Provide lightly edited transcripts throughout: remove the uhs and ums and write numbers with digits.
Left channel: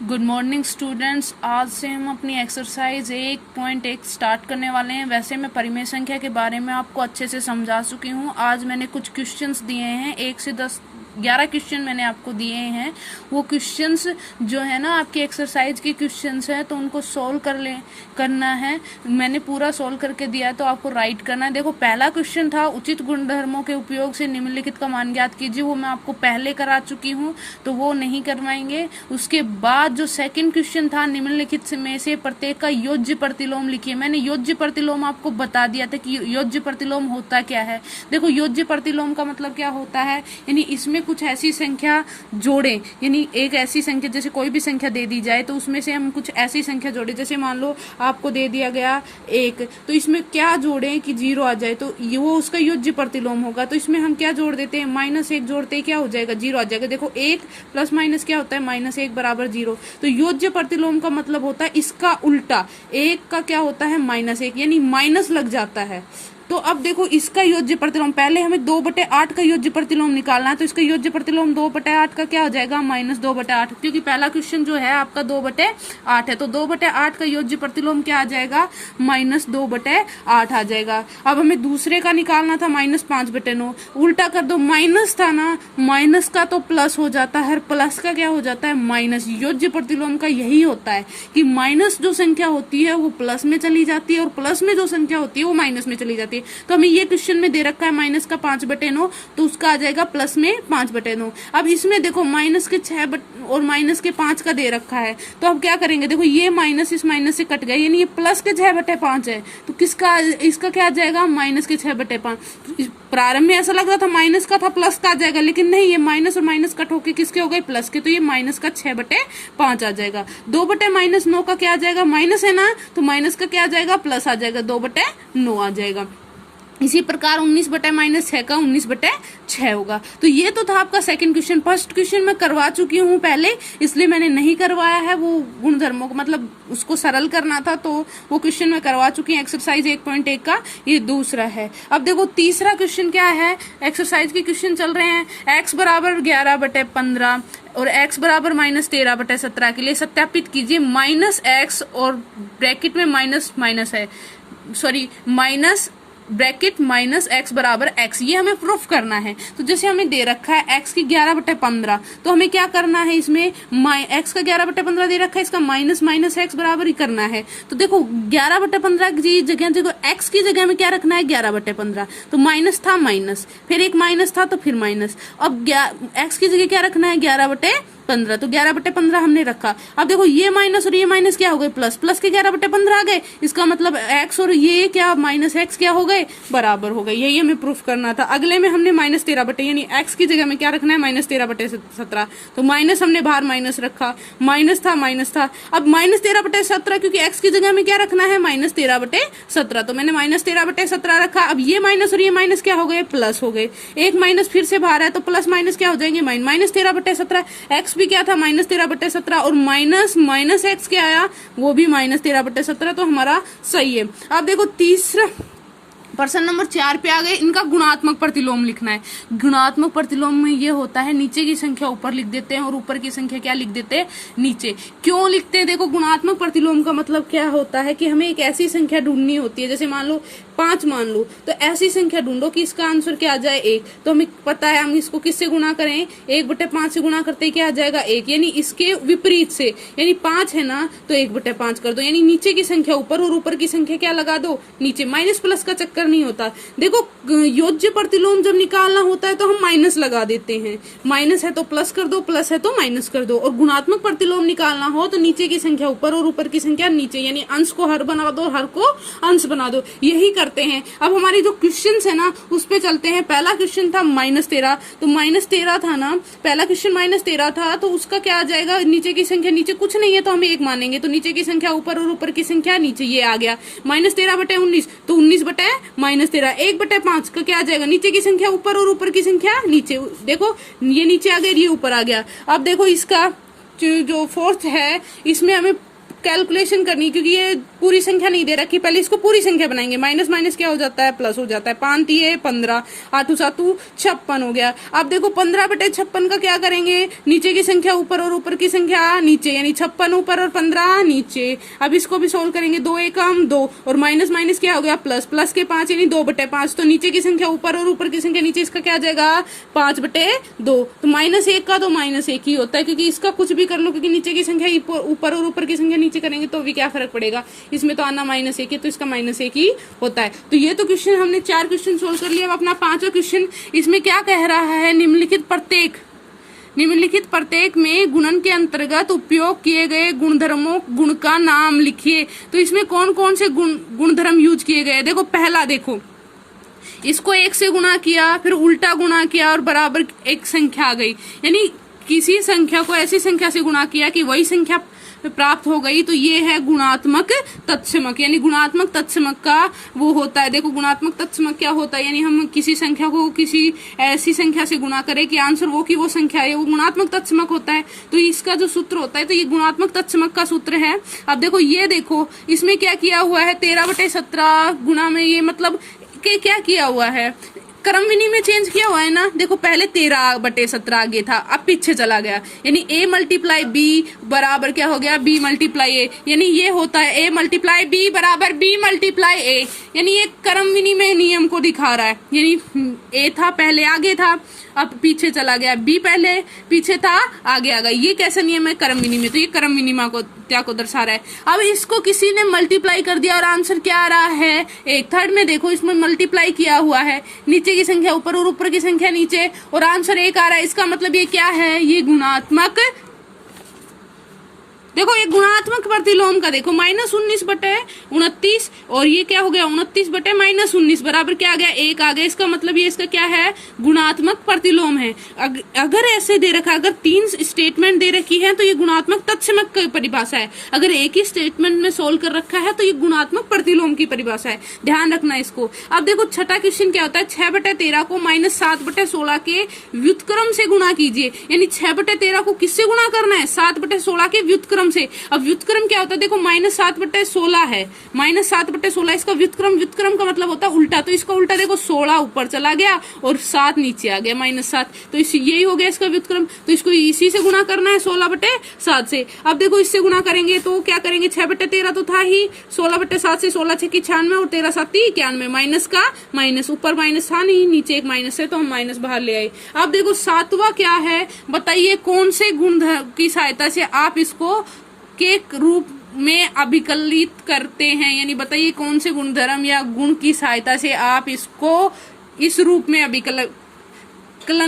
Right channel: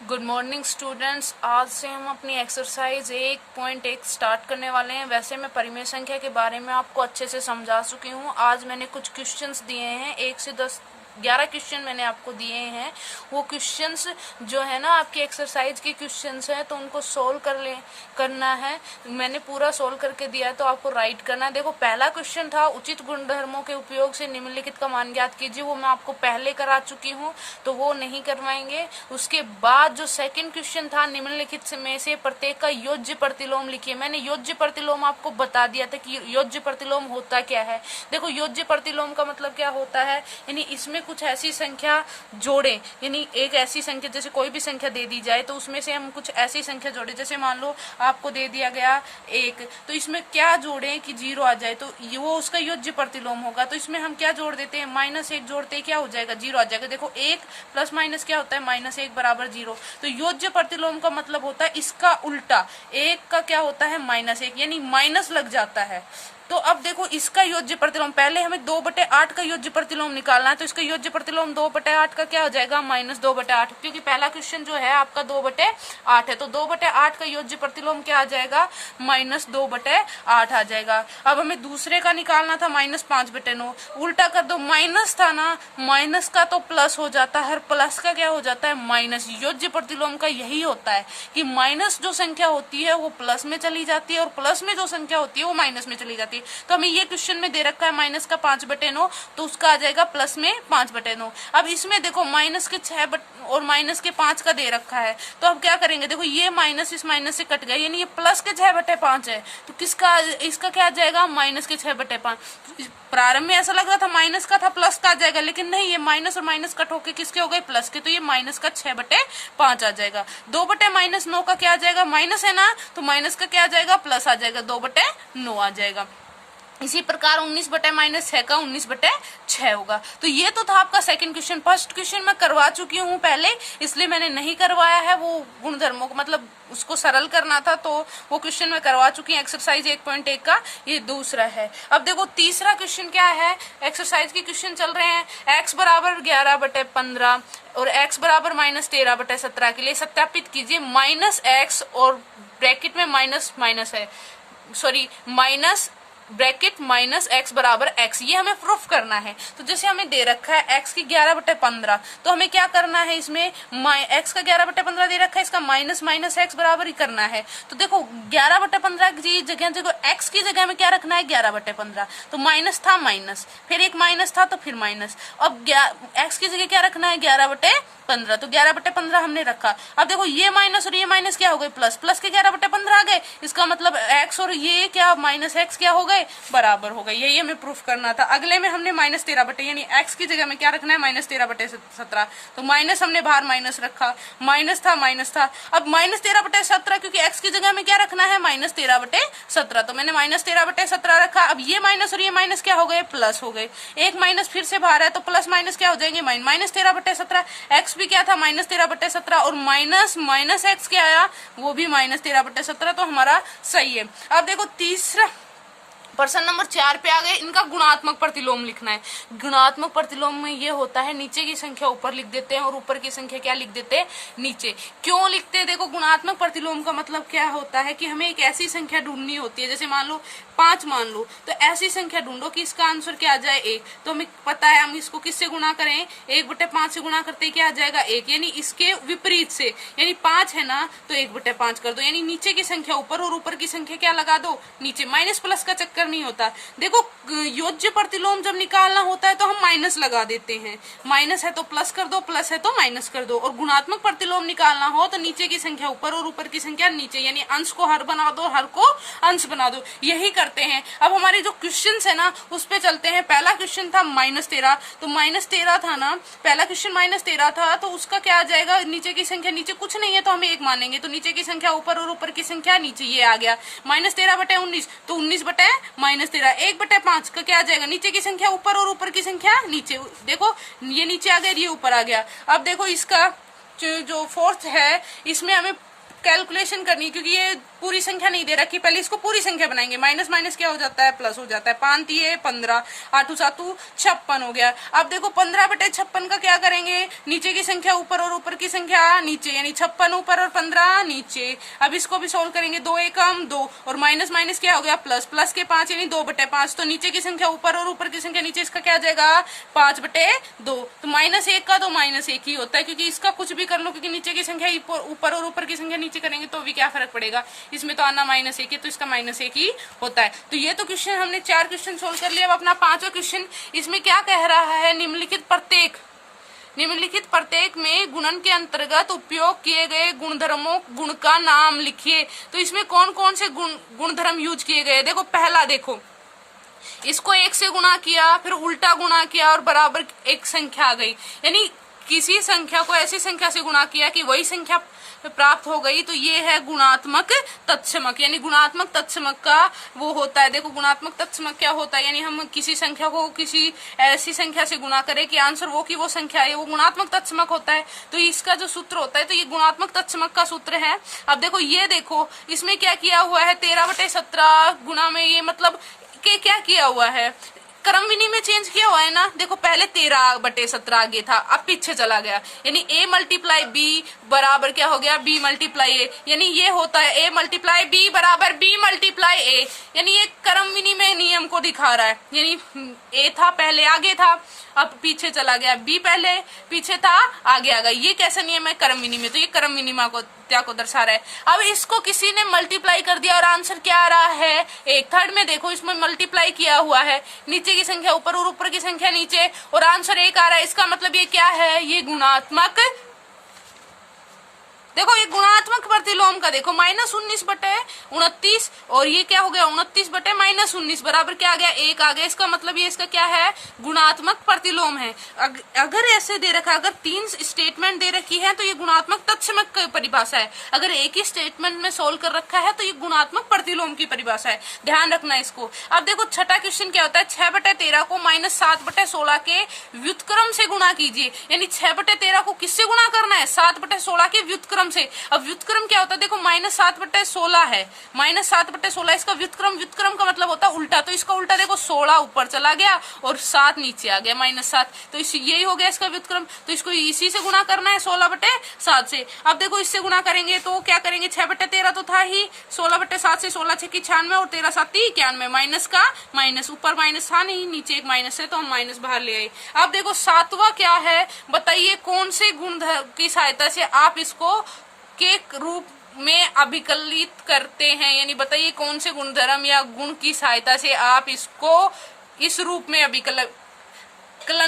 Good morning students. आज से हम अपनी एक्सरसाइज 1.1 स्टार्ट करने वाले हैं। वैसे मैं परिमेय संख्या के बारे में आपको अच्छे से समझा चुकी हूँ। आज मैंने कुछ क्वेश्चंस दिए हैं, 1 से 11 क्वेश्चन मैंने आपको दिए हैं। वो क्वेश्चंस जो है ना आपकी एक्सरसाइज के क्वेश्चंस हैं, तो उनको सोल्व करना है। मैंने पूरा सोल्व करके दिया है, तो आपको राइट करना है। देखो, पहला क्वेश्चन था उचित गुणधर्मों के उपयोग से निम्नलिखित का मान ज्ञात कीजिए। वो मैं आपको पहले करा चुकी हूँ, तो वो नहीं करवाएंगे। उसके बाद जो सेकंड क्वेश्चन था, निम्नलिखित में से प्रत्येक का योज्य प्रतिलोम लिखिए। मैंने योज्य प्रतिलोम आपको बता दिया था कि योज्य प्रतिलोम होता क्या है। देखो, योज्य प्रतिलोम का मतलब क्या होता है, यानी इसमें कुछ ऐसी संख्या जोड़े, यानी एक ऐसी संख्या, जैसे कोई भी संख्या दे दी जाए तो उसमें से हम कुछ ऐसी संख्या जोड़े। जैसे मान लो आपको दे दिया गया 1, तो इसमें क्या जोड़े कि 0 आ जाए, तो वो उसका योज्य प्रतिलोम होगा। तो इसमें हम क्या जोड़ देते हैं, -1 जोड़ते हैं, क्या हो जाएगा, 0 आ जाएगा। देखो, 1 प्लस माइनस क्या होता है, -1 बराबर 0। तो योज्य प्रतिलोम का मतलब होता है इसका उल्टा, 1 का क्या होता है, -1, यानी माइनस लग जाता है। तो अब देखो, इसका योज्य प्रतिलोम, पहले हमें 2/8 का योज्य प्रतिलोम निकालना है। तो इसका योज्य प्रतिलोम 2/8 का क्या हो जाएगा, -2/8, क्योंकि पहला क्वेश्चन जो है आपका 2/8 है। तो 2/8 का योज्य प्रतिलोम क्या आ जाएगा, -2/8 आ जाएगा। अब हमें दूसरे का निकालना था, -5/9। उल्टा कर दो, माइनस था ना, माइनस का तो प्लस हो जाता है, प्लस का क्या हो जाता है, माइनस। योज्य प्रतिलोम का यही होता है कि माइनस जो संख्या होती है वो प्लस में चली जाती है, और प्लस में जो संख्या होती है वो माइनस में चली जाती है। तो हमें ये क्वेश्चन में दे रखा है माइनस का 5/9, तो उसका आ जाएगा प्लस में 5/9। अब इसमें देखो, माइनस के 6 और माइनस के 5 का दे रखा है, तो अब क्या करेंगे, देखो ये माइनस इस माइनस से कट गया, यानी ये प्लस के 6/5 है। तो किसका, इसका क्या आ जाएगा, माइनस के 6/5। प्रारंभ में ऐसा लग रहा था माइनस का था, प्लस का आ जाएगा, लेकिन नहीं, ये माइनस और माइनस कट होके किसके हो गए, प्लस के। तो ये माइनस का 6/5 आ जाएगा। 2/-9 का क्या आ जाएगा, माइनस है ना, तो माइनस का क्या आ जाएगा, प्लस आ जाएगा, 2/9 आ जाएगा। इसी प्रकार 19/-6 का 19/6 होगा। तो ये तो था आपका सेकंड क्वेश्चन। फर्स्ट क्वेश्चन मैं करवा चुकी हूँ पहले, इसलिए मैंने नहीं करवाया है वो गुणधर्मों को, मतलब उसको सरल करना था, तो वो क्वेश्चन मैं करवा चुकी हूँ। एक्सरसाइज 1.1 का ये दूसरा है। अब देखो, तीसरा क्वेश्चन क्या है, एक्सरसाइज के क्वेश्चन चल रहे हैं। x बराबर 11/15 और x बराबर -13/17 के लिए सत्यापित कीजिए। -x और ब्रैकेट में माइनस माइनस है, सॉरी माइनस ब्रैकेट -x बराबर x, ये हमें प्रूफ करना है। तो जैसे हमें दे रखा है x की 11/15, तो हमें क्या करना है, इसमें x का 11/15 दे रखा है, इसका माइनस x बराबर ही करना है। तो देखो, 11/15 की जगह देखो, x की जगह में क्या रखना है, 11/15। तो माइनस था, माइनस, फिर एक माइनस था, तो फिर माइनस। अब x की जगह क्या रखना है, 11/15। तो 11/15 हमने रखा। अब देखो, ये माइनस और ये माइनस क्या हो गए, प्लस, प्लस के 11/15 आ गए। इसका मतलब x और ये क्या, -x क्या हो गए, बराबर हो गए। यही हमें प्रूफ करना था। अगले में हमने -13 यानी x की जगह में क्या रखना है, -13/17। तो माइनस हमने बाहर माइनस रखा, माइनस था, माइनस था। अब -13/17, क्योंकि x की जगह में क्या रखना है, -13/17, तो मैंने -13/17 रखा। अब ये माइनस और ये माइनस क्या हो गए, प्लस हो गए। एक माइनस फिर से बाहर है, तो प्लस माइनस क्या हो जाएंगे, -13/17। x भी क्या था, -13/17, और माइनस x क्या आया, वो भी -13/17। तो हमारा सही है। अब देखो, तीसरा प्रश्न नंबर 4 पे आ गए। इनका गुणात्मक प्रतिलोम लिखना है। गुणात्मक प्रतिलोम में ये होता है, नीचे की संख्या ऊपर लिख देते हैं और ऊपर की संख्या क्या लिख देते हैं, नीचे। क्यों लिखते हैं, देखो, गुणात्मक प्रतिलोम का मतलब क्या होता है कि हमें एक ऐसी संख्या ढूंढनी होती है। जैसे मान लो 5 मान लो, तो ऐसी संख्या ढूंढो कि इसका आंसर क्या आ जाए, 1। तो हमें पता है हम इसको किससे गुणा करें, 1/5 से गुणा करते क्या आ जाएगा, 1। यानी इसके विपरीत से, यानी 5 है ना, तो 1/5 कर दो, यानी नीचे की संख्या ऊपर और ऊपर की संख्या क्या लगा दो, नीचे। माइनस प्लस का चक्कर नहीं होता। देखो, योज्य प्रतिलोम जब निकालना होता है तो हम माइनस लगा देते हैं। माइनस है तो प्लस कर दो, प्लस है तो माइनस कर दो। और गुणात्मक प्रतिलोम निकालना हो तो नीचे की संख्या ऊपर और ऊपर की संख्या नीचे, यानी अंश को हर बना दो, हर को अंश बना दो। यही करते हैं। अब हमारी जो क्वेश्चन है ना, उस पे चलते हैं। पहला क्वेश्चन था -13, तो -13 था ना, पहला क्वेश्चन -13 था, तो उसका क्या आ जाएगा, नीचे की संख्या नीचे कुछ नहीं है तो हम 1 मानेंगे, तो नीचे की संख्या ऊपर और ऊपर की संख्या नीचे, ये आ गया। -13/19, तो 19/-13, 1/5 का क्या आ जाएगा, नीचे की संख्या ऊपर और ऊपर की संख्या नीचे। देखो, ये नीचे आ गया, ये ऊपर आ गया। अब देखो, इसका जो फोर्थ है, इसमें हमें कैलकुलेशन करनी, क्योंकि ये पूरी संख्या नहीं दे रखी, पहले इसको पूरी संख्या बनाएंगे। माइनस माइनस क्या हो जाता है, प्लस हो जाता है। 5 3 15, 8 7 56 हो गया। अब देखो 15/56 का क्या करेंगे, नीचे की संख्या ऊपर और ऊपर की संख्या नीचे, यानी 56 ऊपर और 15 नीचे। अब इसको भी सोल्व करेंगे, 2 एकम 2 और माइनस माइनस क्या हो गया, प्लस, प्लस के 5 यानी 2/5। तो नीचे की संख्या ऊपर और ऊपर की संख्या नीचे, इसका क्या आ जाएगा 5/2। तो -1 का तो -1 ही होता है, क्योंकि इसका कुछ भी कर लो, क्योंकि नीचे की संख्या ऊपर और ऊपर की संख्या नीचे करेंगे तो भी क्या फर्क पड़ेगा, इसमें तो आना -1 है, तो इसका -1 ही होता है। तो ये तो क्वेश्चन हमने 4 क्वेश्चन सोल्व कर लिया। अब अपना 5वां क्वेश्चन, इसमें क्या कह रहा है, निम्नलिखित प्रत्येक में गुणन के अंतर्गत उपयोग किए गए गुणधर्मों गुण का नाम लिखिए। तो इसमें कौन कौन से गुणधर्म यूज किए गए, देखो पहला, देखो इसको 1 से गुणा किया, फिर उल्टा गुणा किया और बराबर एक संख्या आ गई, यानी किसी संख्या को ऐसी संख्या से गुणा किया कि वही संख्या प्राप्त हो गई, तो ये है गुणात्मक तत्समक। यानी गुणात्मक तत्समक का वो होता है, देखो गुणात्मक तत्समक क्या होता है, यानी हम किसी संख्या को किसी ऐसी संख्या से गुणा करें कि आंसर वो की वो संख्या है, वो गुणात्मक तत्समक होता है। तो इसका जो सूत्र होता है, तो ये गुणात्मक तत्समक का सूत्र है। अब देखो ये देखो इसमें क्या किया हुआ है, 13/17 गुणा में, ये मतलब के क्या किया हुआ है, क्रम विनिमय चेंज किया हुआ है ना। देखो पहले 13/17 आगे था, अब पीछे चला गया, यानी a × b बराबर क्या हो गया, b × a, यानी ये होता है a × b बराबर b × a, यानी ये क्रम विनिमय नियम को दिखा रहा है। यानी a था पहले आगे था, अब पीछे चला गया, b पहले पीछे था आगे आ गया, ये कैसा नियम है, क्रम विनिमय। तो ये क्रम विनिमय को क्या को दर्शा रहा है। अब इसको किसी ने मल्टीप्लाई कर दिया और आंसर क्या आ रहा है, 1/3 में देखो इसमें मल्टीप्लाई किया हुआ है, नीचे की संख्या ऊपर और ऊपर की संख्या नीचे, और आंसर 1 आ रहा है। इसका मतलब ये क्या है, ये गुणात्मक, देखो ये गुणात्मक प्रतिलोम का देखो -19/29, और ये क्या हो गया 29/-19 बराबर क्या आ गया, 1 आ गया। इसका मतलब ये इसका क्या है, गुणात्मक प्रतिलोम है। अगर ऐसे दे रखा, अगर 3 स्टेटमेंट दे रखी है तो ये गुणात्मक तत्समक की परिभाषा है, अगर एक ही स्टेटमेंट में सोल्व कर रखा है तो ये गुणात्मक प्रतिलोम की परिभाषा है, ध्यान रखना इसको। अब देखो छठा क्वेश्चन क्या होता है, 6/13 को -7/16 के व्युत्क्रम से गुणा कीजिए, यानी 6/13 को किससे गुणा करना है, 7/16 के व्युत्क्रम से। अब व्युत्क्रम क्या होता है, देखो -7/16 है, -7/16 इसका व्युत्क्रम का मतलब होता है उल्टा, तो इसका उल्टा देखो 16 ऊपर चला गया और 7 नीचे आ गया, -7, तो यही हो गया इसका व्युत्क्रम। तो इसको इसी से गुणा करना है 16/7 से। अब देखो इससे गुणा करेंगे तो क्या करेंगे, 6/13 तो था ही, 16/7 से 16 6 96 और 13 7 91, माइनस का माइनस, ऊपर माइनस था नहीं, नीचे एक माइनस है तो हम माइनस बाहर ले आए। अब देखो 7वां क्या है, बताइए कौन से गुण की सहायता से आप इसको के रूप में अभिकलित करते हैं, यानी बताइए कौन से गुणधर्म या गुण की सहायता से आप इसको इस रूप में अभिकलन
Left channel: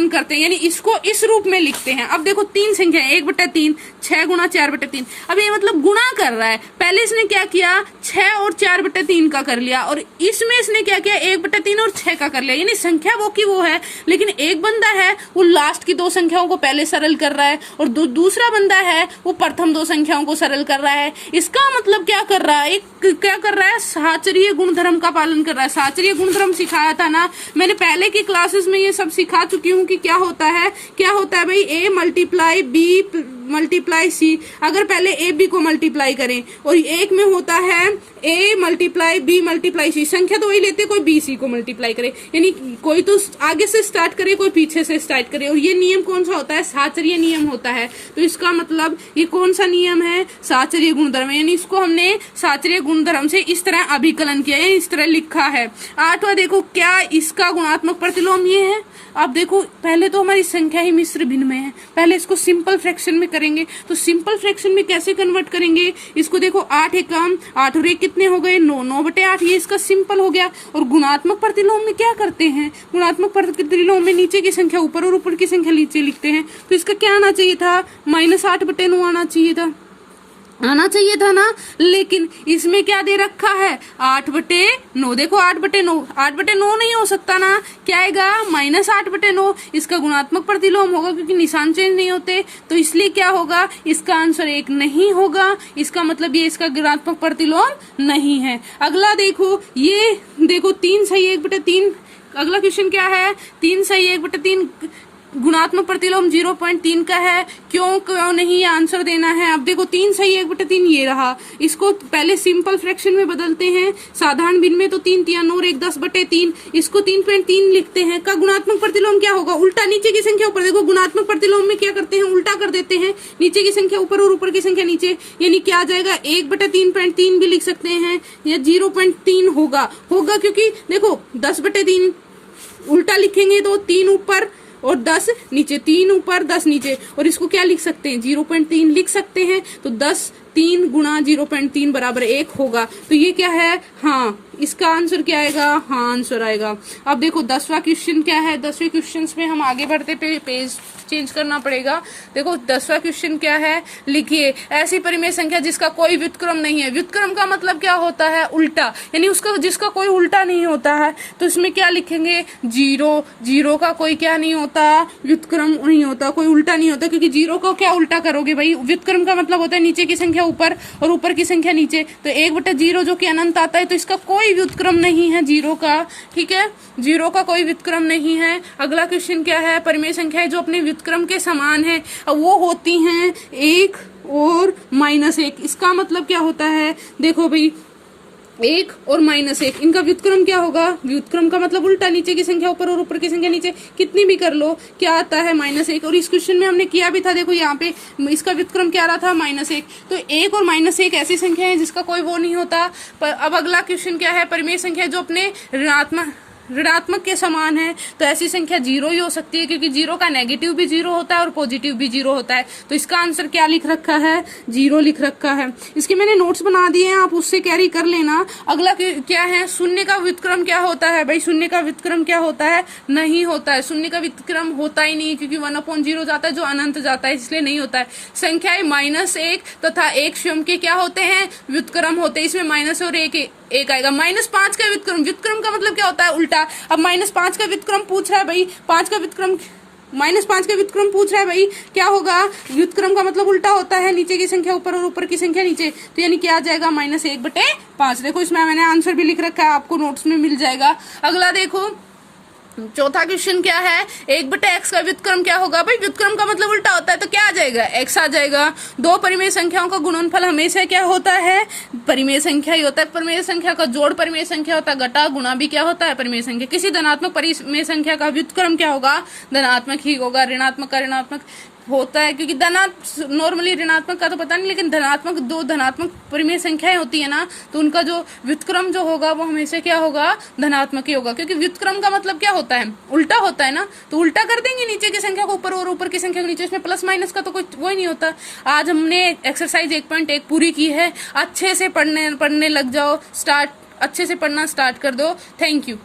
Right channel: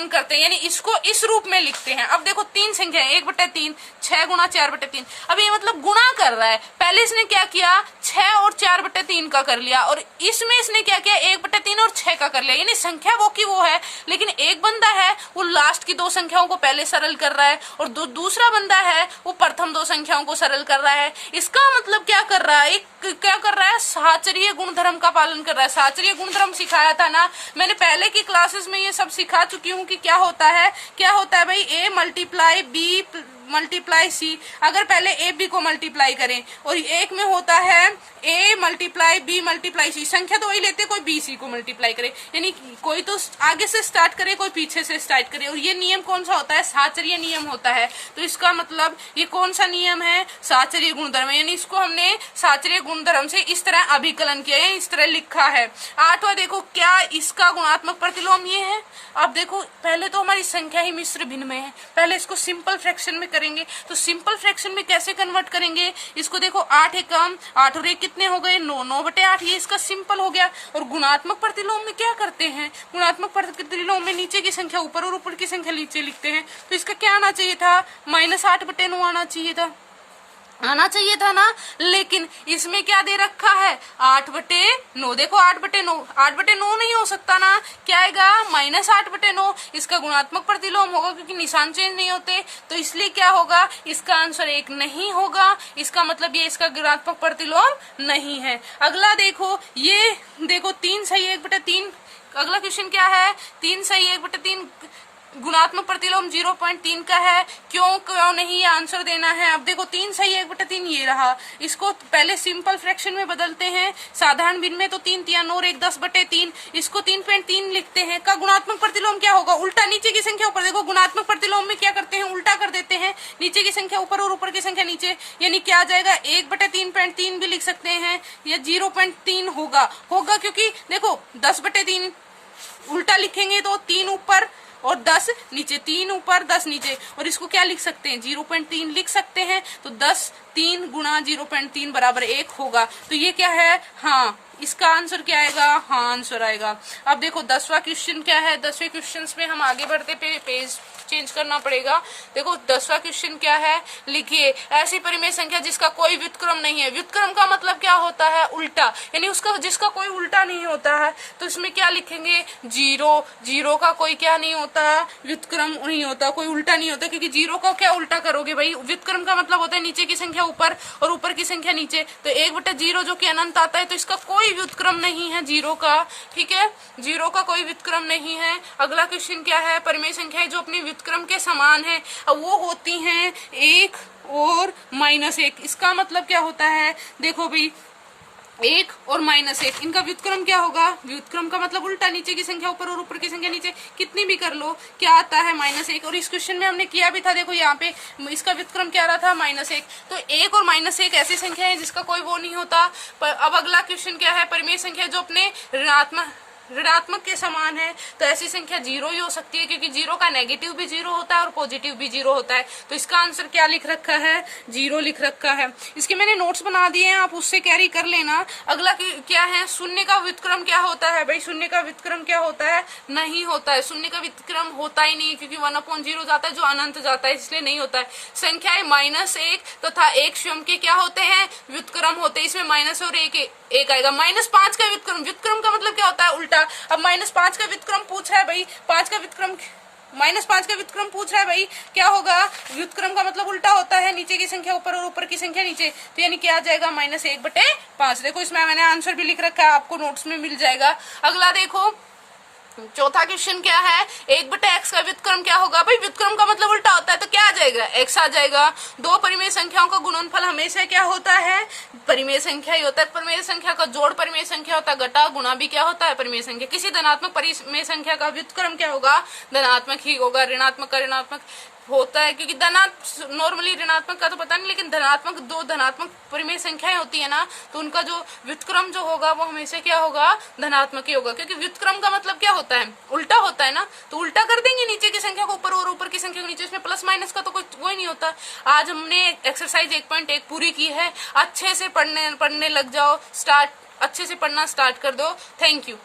करते हैं, यानी इसको इस रूप में लिखते हैं। अब देखो 3 संख्या है, 1/3, 6 × 4/3। अब ये मतलब गुणा कर रहा है, पहले इसने क्या किया, 6 और 4/3 का कर लिया, और इसमें इसने क्या किया, 1/3 और 6 का कर लिया, यानी संख्या वो की वो है, लेकिन एक बंदा है वो लास्ट की 2 संख्याओं को पहले सरल कर रहा है, और दूसरा बंदा है वो प्रथम 2 संख्याओं को सरल कर रहा है। इसका मतलब क्या कर रहा है, क्या कर रहा है, साहचर्य गुणधर्म का पालन कर रहा है। साहचर्य गुणधर्म सिखाया था ना मैंने पहले की क्लासेस में, ये सब सिखा चुकी हूँ कि क्या होता है भाई, a × b × c। अगर पहले a b को मल्टीप्लाई करें, और एक में होता है a × b × c, संख्या तो वही लेते, कोई b c को मल्टीप्लाई करे, यानी कोई तो आगे से स्टार्ट करे, कोई पीछे से स्टार्ट करे, और ये नियम कौन सा होता है, साहचर्य नियम होता है। तो इसका मतलब ये कौन सा नियम है, साहचर्य गुणधर्म, यानी इसको हमने साहचर्य गुणधर्म से इस तरह अभिकलन किया है, इस तरह लिखा है। 8वां देखो क्या इसका गुणात्मक प्रतिलोम ये है। अब देखो पहले तो हमारी संख्या ही मिश्र भिन्न में है, पहले इसको सिंपल फ्रैक्शन में करेंगे, तो सिंपल फ्रैक्शन में कैसे कन्वर्ट करेंगे इसको, देखो 8 एकम 8 और 1 कितने हो गए, 9, 9/8, ये इसका सिंपल हो गया। और गुणात्मक प्रतिलोम में क्या करते हैं, गुणात्मक प्रतिलोम में नीचे की संख्या ऊपर और ऊपर की संख्या नीचे लिखते हैं, तो इसका क्या आना चाहिए था, -8/9 आना चाहिए था ना, लेकिन इसमें क्या दे रखा है, 8/9। देखो 8/9 नहीं हो सकता ना, क्या आएगा, -8/9। इसका गुणात्मक प्रतिलोम होगा, क्योंकि निशान चेंज नहीं होते, तो इसलिए क्या होगा, इसका आंसर 1 नहीं होगा। इसका मतलब ये इसका गुणात्मक प्रतिलोम नहीं है। अगला देखो, ये देखो 3 सही 1/3। अगला क्वेश्चन क्या है, 3 सही 1/3 गुणात्मक प्रतिलोम 0.3 का है। क्यों नहीं, ये आंसर देना है। अब देखो 3 सही, 1/3 ये रहा। इसको पहले सिंपल फ्रैक्शन में बदलते हैं, साधारण भिन्न में, तो 3 3 और 1 10/3, इसको 3.3 लिखते हैं। का गुणात्मक प्रतिलोम क्या होगा, उल्टा, नीचे की संख्या ऊपर। देखो गुणात्मक प्रतिलोम में क्या करते हैं, उल्टा कर देते हैं, नीचे की संख्या ऊपर और ऊपर की संख्या नीचे, यानी क्या आ जाएगा 1/3.3 भी लिख सकते हैं, या 0.3 होगा क्योंकि देखो 10/3 उल्टा लिखेंगे तो 3 ऊपर और 10 नीचे, 3 ऊपर 10 नीचे, और इसको क्या लिख सकते हैं 0.3 लिख सकते हैं। तो 10 3 गुणा 0.3 बराबर 1 होगा। तो ये क्या है, हाँ, इसका आंसर क्या आएगा, हाँ आंसर आएगा। अब देखो 10वां क्वेश्चन क्या है। 10वें क्वेश्चन में हम आगे बढ़ते पेज चेंज करना पड़ेगा। देखो 10वां क्वेश्चन क्या है, लिखिए ऐसी परिमेय संख्या जिसका कोई व्युत्क्रम नहीं है। व्युत्क्रम का मतलब क्या होता है, उल्टा, यानी उसका जिसका कोई उल्टा नहीं होता है। तो इसमें क्या लिखेंगे, 0 का कोई क्या नहीं होता, व्युत्क्रम नहीं होता, कोई उल्टा नहीं होता, क्योंकि 0 को क्या उल्टा करोगे भाई। व्युत्क्रम का मतलब होता है नीचे की संख्या ऊपर और ऊपर की संख्या नीचे। तो 1/0 जो कि अनंत आता है, तो इसका कोई व्युत्क्रम नहीं है 0 का। ठीक है, 0 का कोई व्युत्क्रम नहीं है। अगला क्वेश्चन क्या है, परिमेय संख्याएं जो अपने व्युत्क्रम के समान है, अब वो होती हैं 1 और -1। इसका मतलब क्या होता है, देखो भाई 1 और -1, इनका व्युत्क्रम क्या होगा, व्युत्क्रम का मतलब उल्टा, नीचे की संख्या ऊपर और ऊपर की संख्या नीचे, कितनी भी कर लो, क्या आता है -1। और इस क्वेश्चन में हमने किया भी था, देखो यहाँ पे इसका व्युत्क्रम क्या रहा था, -1। तो 1 और -1 ऐसी संख्या है जिसका कोई वो नहीं होता। पर अब अगला क्वेश्चन क्या है, परिमेय संख्या जो अपने ऋणात्मक के समान है। तो ऐसी संख्या 0 ही हो सकती है, क्योंकि 0 का नेगेटिव भी 0 होता है और पॉजिटिव भी 0 होता है। तो इसका आंसर क्या लिख रखा है, 0 लिख रखा है। इसके मैंने नोट्स बना दिए हैं, आप उससे कैरी कर लेना। अगला क्या है, शून्य का व्युत्क्रम क्या होता है भाई, शून्य का व्युत्क्रम क्या होता है, नहीं होता है। शून्य का व्युत्क्रम होता ही नहीं, क्योंकि 1/0 जाता है जो अनंत जाता है, इसलिए नहीं होता है। संख्याएं -1 तथा 1 स्वयं के क्या होते हैं, व्युत्क्रम होते हैं। इसमें माइनस और एक आएगा। -5 का व्युत्क्रम का मतलब क्या होता है, उल्टा। अब -5 का व्युत्क्रम पूछ रहा है भाई, -5 का व्युत्क्रम पूछ रहा है भाई, क्या होगा, व्युत्क्रम का मतलब उल्टा होता है, नीचे की संख्या ऊपर और ऊपर की संख्या नीचे। तो यानी क्या आ जाएगा, -1/5। देखो इसमें मैंने आंसर भी लिख रखा है, आपको नोट्स में मिल जाएगा। अगला देखो चौथा क्वेश्चन क्या है, 1/x का व्युत्क्रम क्या होगा भाई, व्युत्क्रम का मतलब उल्टा होता है, तो क्या आ जाएगा, x आ जाएगा। दो परिमेय संख्याओं का गुणनफल हमेशा क्या होता है, परिमेय संख्या ही होता है। परिमेय संख्या का जोड़ परिमेय संख्या होता है, घटा गुणा भी क्या होता है, परिमेय संख्या। किसी धनात्मक परिमेय संख्या का व्युत्क्रम क्या होगा, धनात्मक ही होगा। ऋणात्मक का ऋणात्मक होता है, क्योंकि नॉर्मली ऋणात्मक का तो पता नहीं, लेकिन दो धनात्मक परिमेय संख्याएं होती है ना, तो उनका जो व्युत्क्रम जो होगा वो हमेशा क्या होगा, धनात्मक ही होगा। क्योंकि व्युत्क्रम का मतलब क्या होता है, उल्टा होता है ना, तो उल्टा कर देंगे नीचे की संख्या को ऊपर और ऊपर की संख्या को नीचे। इसमें प्लस माइनस का तो कोई वो ही नहीं होता। आज हमने एक्सरसाइज 1.1 पूरी की है। अच्छे से पढ़ने लग जाओ, अच्छे से पढ़ना स्टार्ट कर दो। Thank you.